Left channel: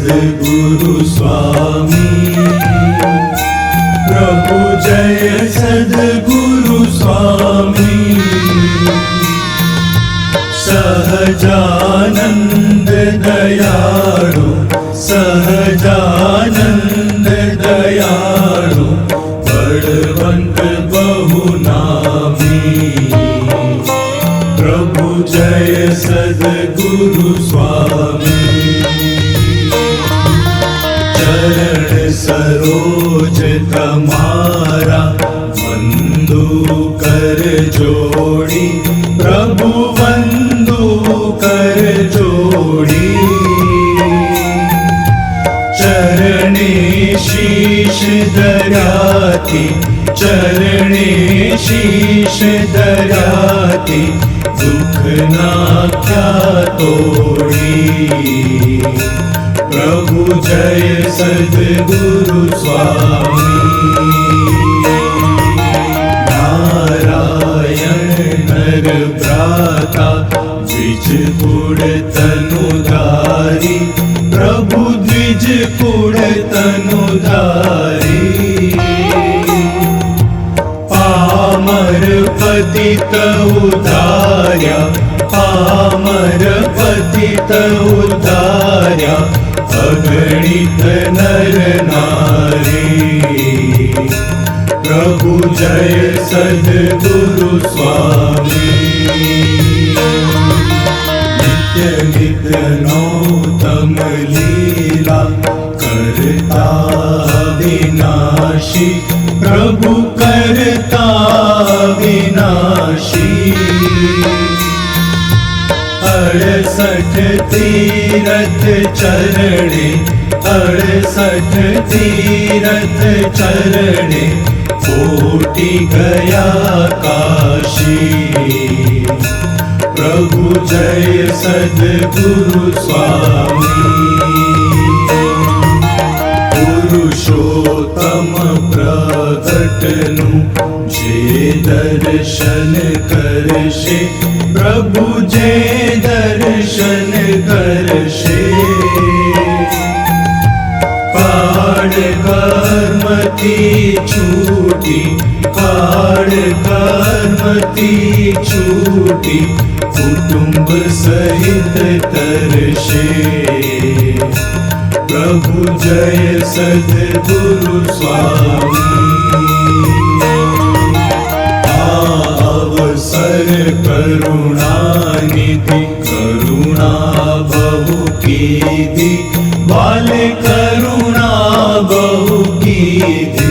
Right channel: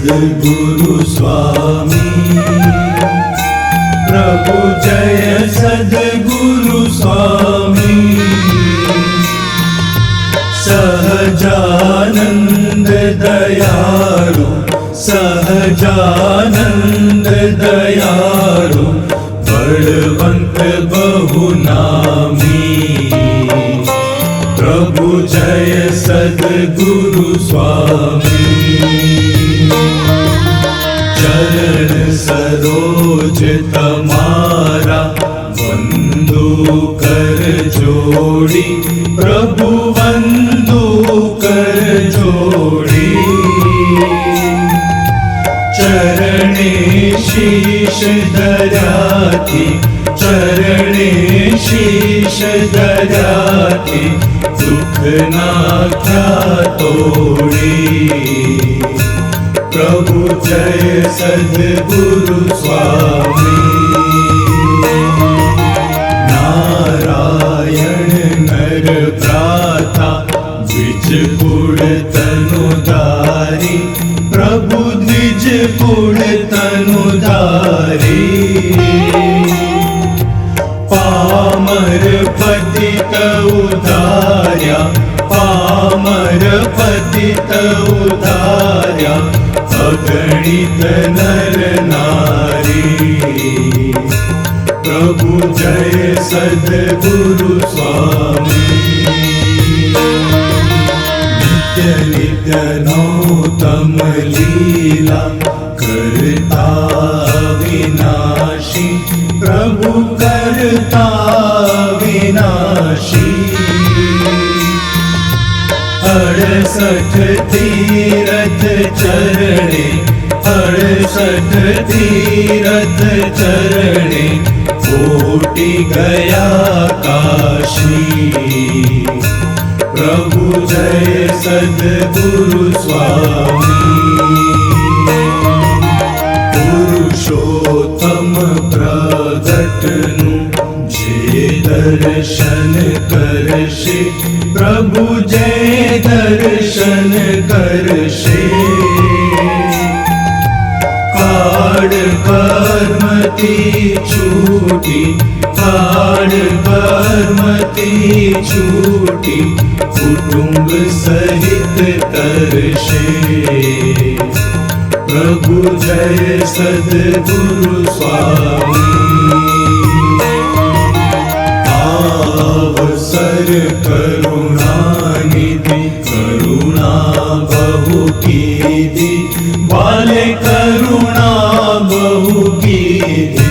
सद्गुरु स्वामी प्रभु जय सद्गुरु स्वामी। सहजानन्द दयालु सहजानन्द दयालु बलवन्त बहुना कर जोड़ी प्रभु वंदू कर जोड़ी। चरणे शीश दयाति चरणे शीश दयाति दुख नाख्या तोड़ी। प्रभु जय सद्गुरु द्विज तनुधारी प्रभु द्विज पुर तनुधारी पामर पतित उदार्या। पामर पतित उदार्या। अगणित नर नारी। प्रभु जय नौतम लीला करता विनाशी प्रभु करता विनाशी अड़सठ तीरथ चरणे अड़सठ तीरथ चरणे कोटि गया काशी પ્રભુ જય સદગુરુ સ્વામી પુરુષોત્તમ પ્રગટનું જે દર્શન કરશે પ્રભુ જય દર્શન કરશે કાળ કર્મથી છૂટી કાળ કર્મથી છૂટી कुटुंब सहित तरशे प्रभु जय सद्गुरु स्वामी। अवसर करुणानिधि, करुणा बहु कीधि बाले करुणा बहु कीधि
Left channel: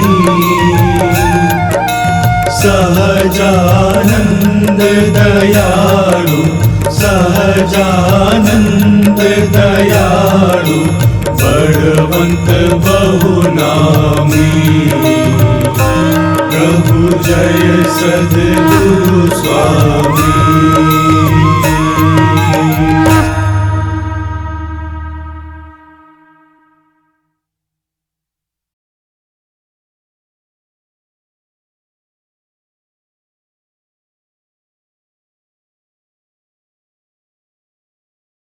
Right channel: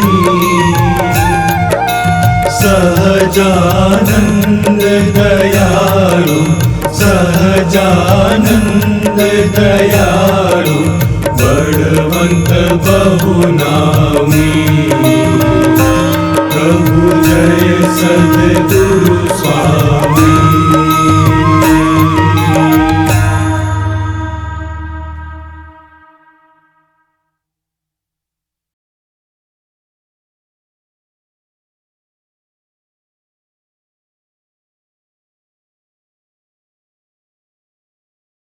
सहजानन्द दयालु सहजानन्द दयालु बळवन्त बहुनामी प्रभु जय सद्गुरु स्वामी।